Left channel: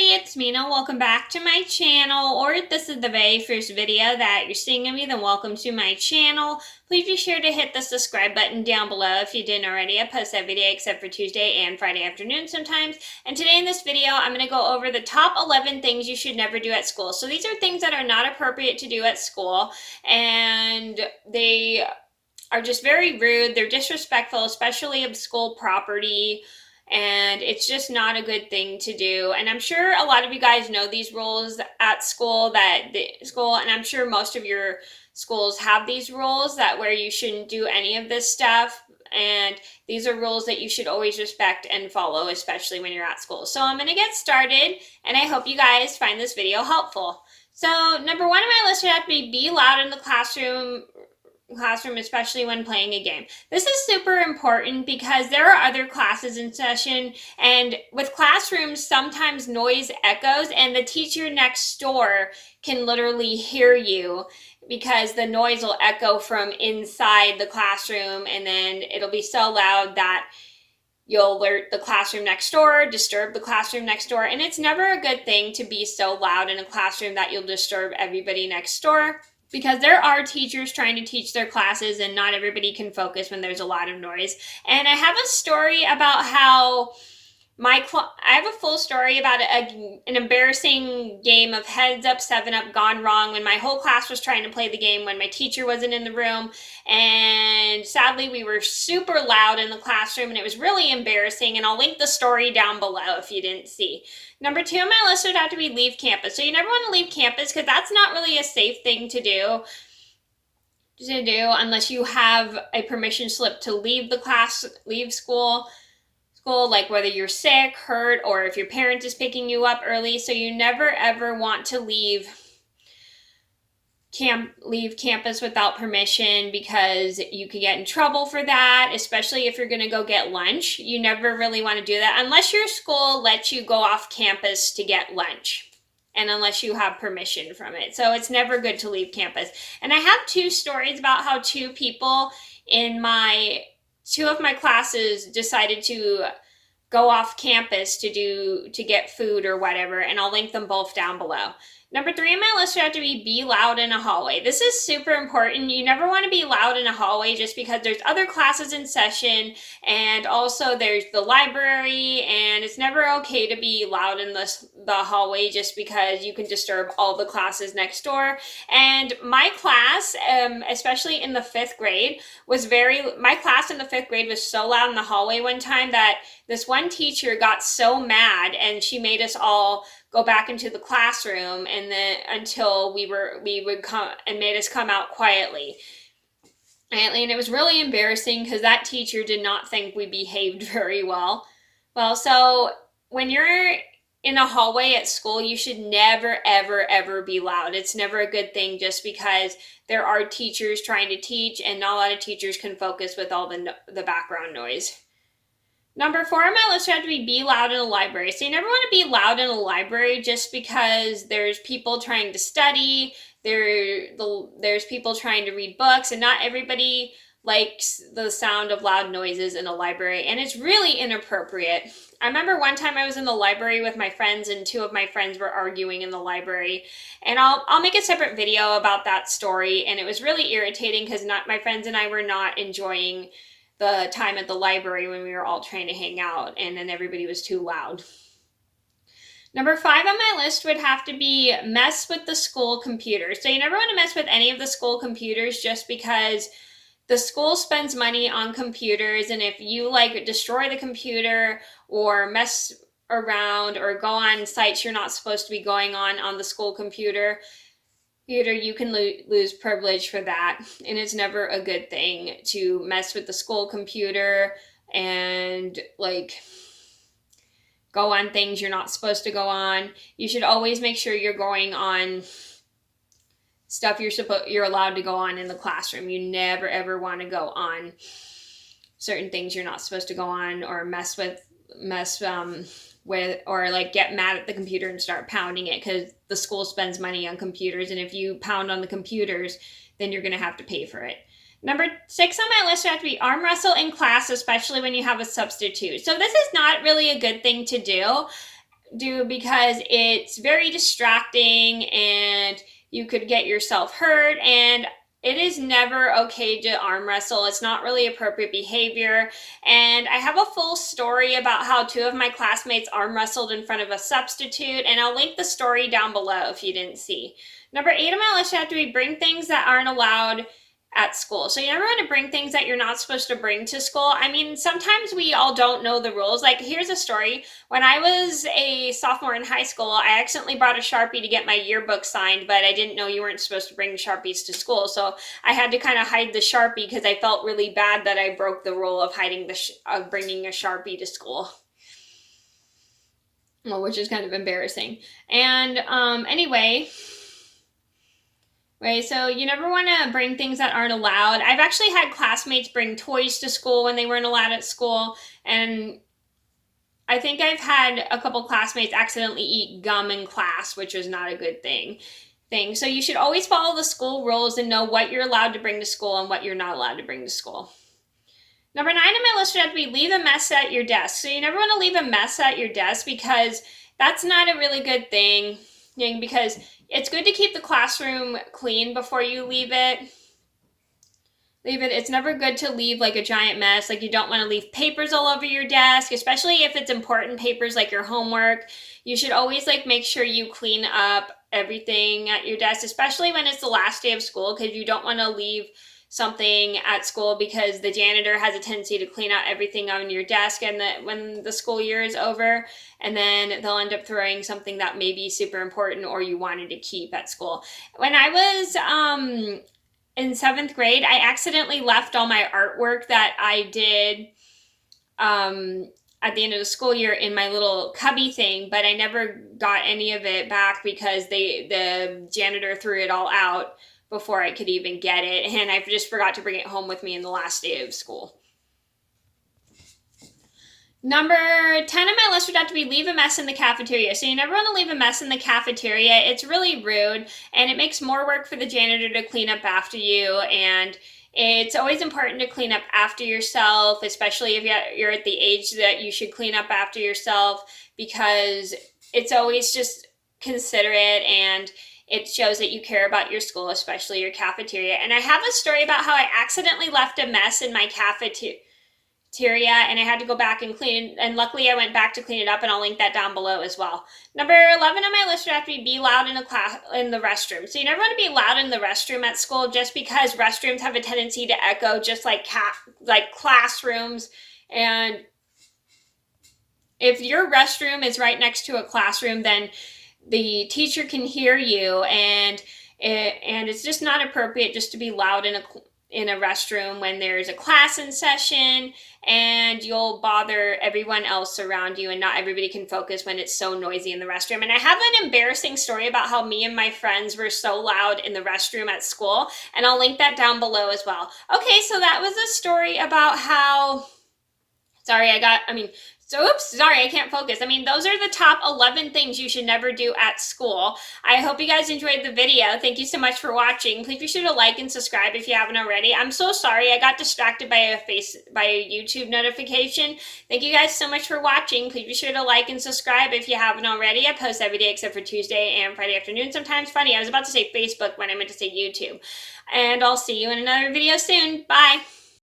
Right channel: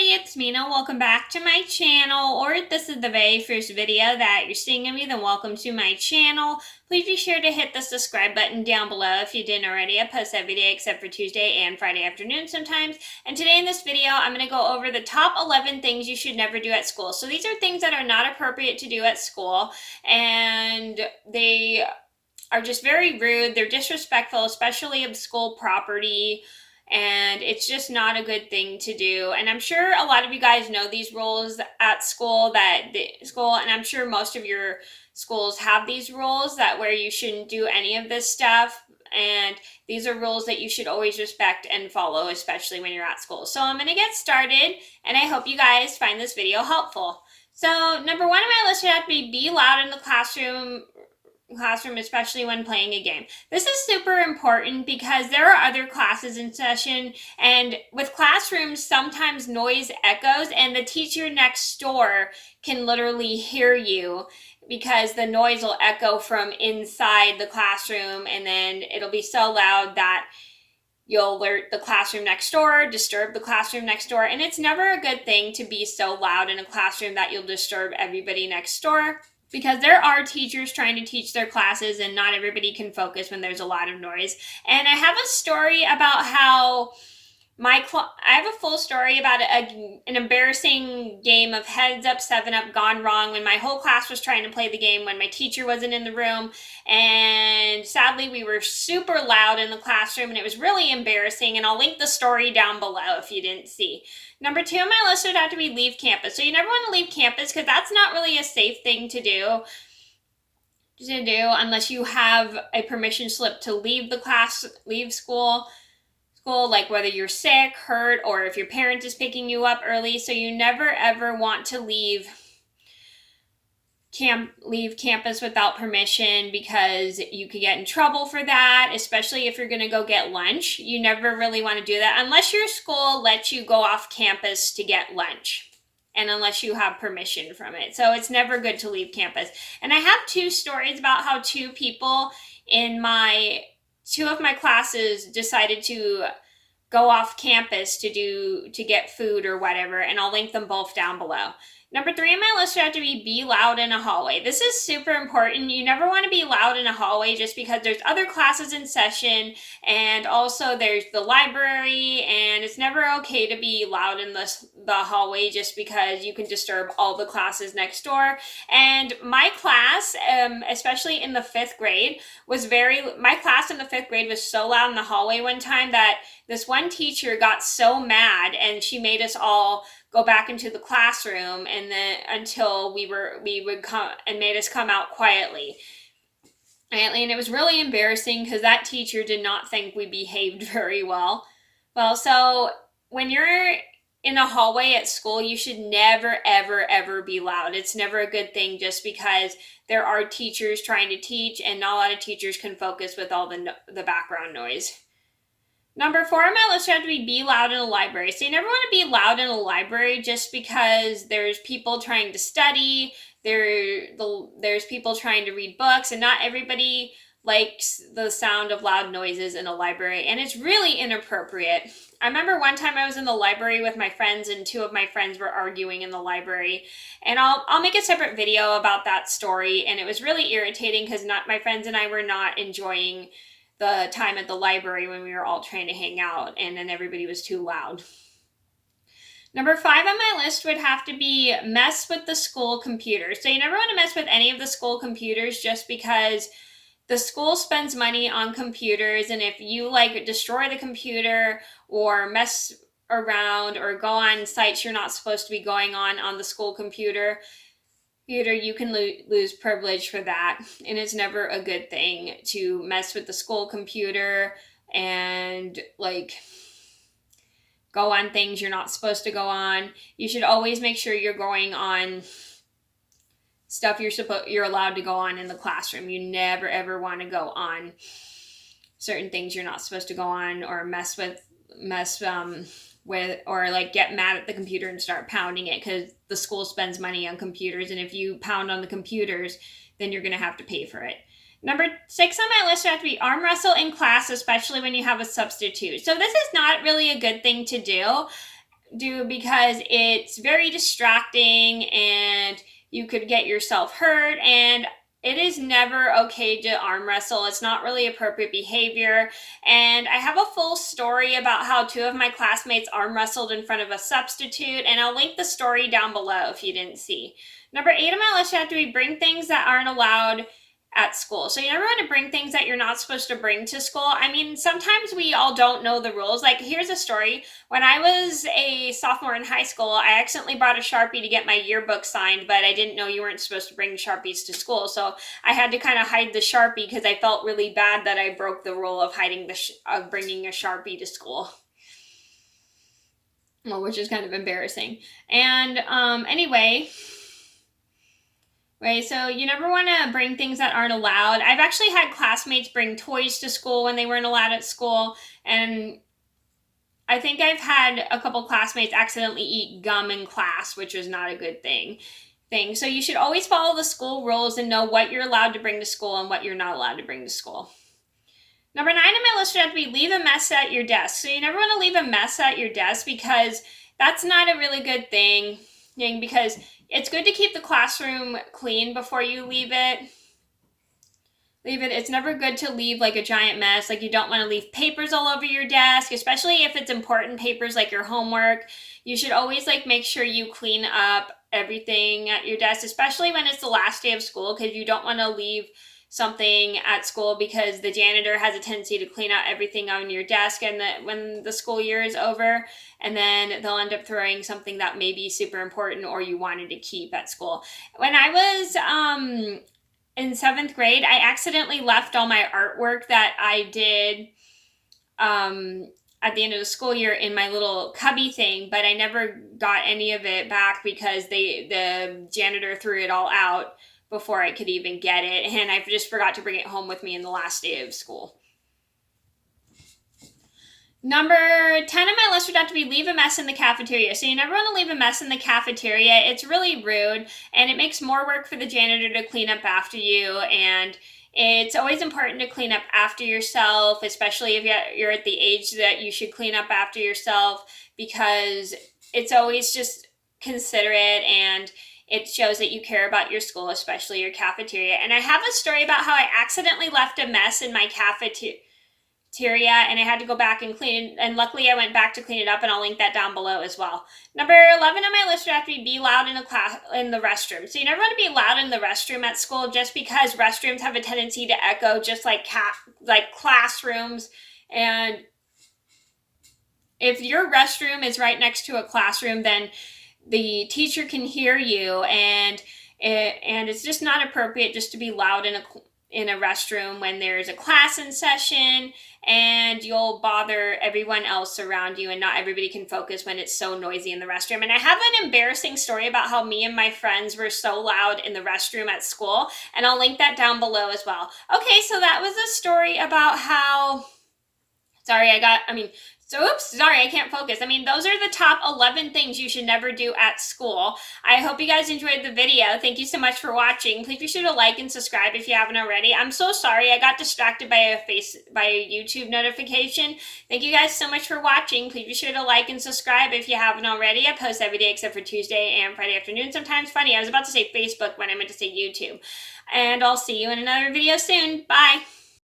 everybody, it's Mena. Welcome back to my channel, or if this is the very first video that you're seeing of me, then welcome to my channel. Please be sure to hit the subscribe button down below if you didn't already. I post every day except for Tuesday and Friday afternoon sometimes. And today in this video, I'm going to go over the top 11 things you should never do at school. So these are things that are not appropriate to do at school, and they are just very rude. They're disrespectful, especially of school property. And it's just not a good thing to do. And I'm sure a lot of you guys know these rules at school, and I'm sure most of your schools have these rules that where you shouldn't do any of this stuff. And these are rules that you should always respect and follow, especially when you're at school. So I'm going to get started, and I hope you guys find this video helpful. So number one on my list would have to be loud in the classroom, especially when playing a game. This is super important because there are other classes in session, and with classrooms, sometimes noise echoes, and the teacher next door can literally hear you because the noise will echo from inside the classroom, and then it'll be so loud that you'll alert the classroom next door, disturb the classroom next door, and it's never a good thing to be so loud in a classroom that you'll disturb everybody next door, because there are teachers trying to teach their classes and not everybody can focus when there's a lot of noise. And I have a story about how I have a full story about an embarrassing game of Heads Up, 7 Up gone wrong when my whole class was trying to play the game when my teacher wasn't in the room. And sadly, we were super loud in the classroom and it was really embarrassing. And I'll link the story down below if you didn't see. Number 2 on my list would have to be leave campus. So you never want to leave campus because that's not really a safe thing to do unless you have a permission slip to leave school, like whether you're sick, hurt, or if your parent is picking you up early. So you never ever want to leave campus without permission because you could get in trouble for that, especially if you're going to go get lunch. You never really want to do that unless your school lets you go off campus to get lunch and unless you have permission from it. So it's never good to leave campus. And I have 2 stories about how 2 people in 2 of my classes decided to go off campus to get food or whatever, and I'll link them both down below. Number 3 on my list would have to be loud in a hallway. This is super important. You never want to be loud in a hallway just because there's other classes in session, and also there's the library, and it's never okay to be loud in the hallway just because you can disturb all the classes next door. And my class, especially in the 5th grade, my class in the 5th grade was so loud in the hallway one time that this one teacher got so mad and she made us all go back into the classroom, and then until we would come and made us come out quietly. And it was really embarrassing because that teacher did not think we behaved very well. Well, so when you're in a hallway at school, you should never, ever, ever be loud. It's never a good thing just because there are teachers trying to teach, and not a lot of teachers can focus with all the background noise. Number 4 on my list would have to be loud in a library. So you never want to be loud in a library just because there's people trying to study, there's people trying to read books, and not everybody likes the sound of loud noises in a library, and it's really inappropriate. I remember one time I was in the library with my friends, and 2 of my friends were arguing in the library, and I'll make a separate video about that story. And it was really irritating because my friends and I were not enjoying the time at the library when we were all trying to hang out, and then everybody was too loud. Number 5 on my list would have to be mess with the school computer. So you never want to mess with any of the school computers just because the school spends money on computers, and if you destroy the computer or mess around or go on sites you're not supposed to be going on the school computer, you can lose privilege for that. And it's never a good thing to mess with the school computer and go on things you're not supposed to go on. You should always make sure you're going on stuff you're allowed to go on in the classroom. You never ever want to go on certain things you're not supposed to go on, or mess with or get mad at the computer and start pounding it, because the school spends money on computers, and if you pound on the computers, then you're going to have to pay for it. Number 6 on my list would have to be arm wrestle in class, especially when you have a substitute. So this is not really a good thing to do. do because it's very distracting and you could get yourself hurt, and it is never okay to arm wrestle. It's not really appropriate behavior. And I have a full story about how 2 of my classmates arm wrestled in front of a substitute, and I'll link the story down below if you didn't see. Number 8 on my list have to be bring things that aren't allowed at school. So you never want to bring things that you're not supposed to bring to school. I mean, sometimes we all don't know the rules. Like, here's a story. When I was a sophomore in high school, I accidentally brought a Sharpie to get my yearbook signed, but I didn't know you weren't supposed to bring Sharpies to school. So I had to kind of hide the Sharpie because I felt really bad that I broke the rule of of bringing a Sharpie to school. Well, which is kind of embarrassing. And anyway, right, so you never want to bring things that aren't allowed. I've actually had classmates bring toys to school when they weren't allowed at school, and I think I've had a couple classmates accidentally eat gum in class, which was not a good thing. So you should always follow the school rules and know what you're allowed to bring to school and what you're not allowed to bring to school. Number 9 on my list would have to be leave a mess at your desk. So you never want to leave a mess at your desk because that's not a really good thing, because it's good to keep the classroom clean before you leave it. It's never good to leave like a giant mess. Like, you don't want to leave papers all over your desk, especially if it's important papers like your homework. You should always make sure you clean up everything at your desk, especially when it's the last day of school, because you don't want to leave something at school because the janitor has a tendency to clean out everything on your desk and when the school year is over, and then they'll end up throwing something that may be super important or you wanted to keep at school. When I was in 7th grade, I accidentally left all my artwork that I did at the end of the school year in my little cubby thing, but I never got any of it back because the janitor threw it all out before I could even get it, and I just forgot to bring it home with me in the last day of school. Number 10 on my list would have to be leave a mess in the cafeteria. So you never want to leave a mess in the cafeteria. It's really rude, and it makes more work for the janitor to clean up after you, and it's always important to clean up after yourself, especially if you're at the age that you should clean up after yourself, because it's always just considerate and it shows that you care about your school, especially your cafeteria. And I have a story about how I accidentally left a mess in my cafeteria and I had to go back and clean it. And luckily I went back to clean it up, and I'll link that down below as well. Number 11 on my list would have to be loud in the restroom. So you never want to be loud in the restroom at school, just because restrooms have a tendency to echo just like classrooms. And if your restroom is right next to a classroom, then the teacher can hear you, and it's just not appropriate just to be loud in a restroom when there's a class in session, and you'll bother everyone else around you, and not everybody can focus when it's so noisy in the restroom. And I have an embarrassing story about how me and my friends were so loud in the restroom at school, and I'll link that down below as well. Okay, so that was a story about how, sorry, I can't focus. Those are the top 11 things you should never do at school. I hope you guys enjoyed the video. Thank you so much for watching. Please be sure to like and subscribe if you haven't already. I'm so sorry. I got distracted by a YouTube notification. Thank you guys so much for watching. Please be sure to like and subscribe if you haven't already. I post every day except for Tuesday and Friday afternoon. Sometimes funny. I was about to say Facebook when I meant to say YouTube. And I'll see you in another video soon. Bye.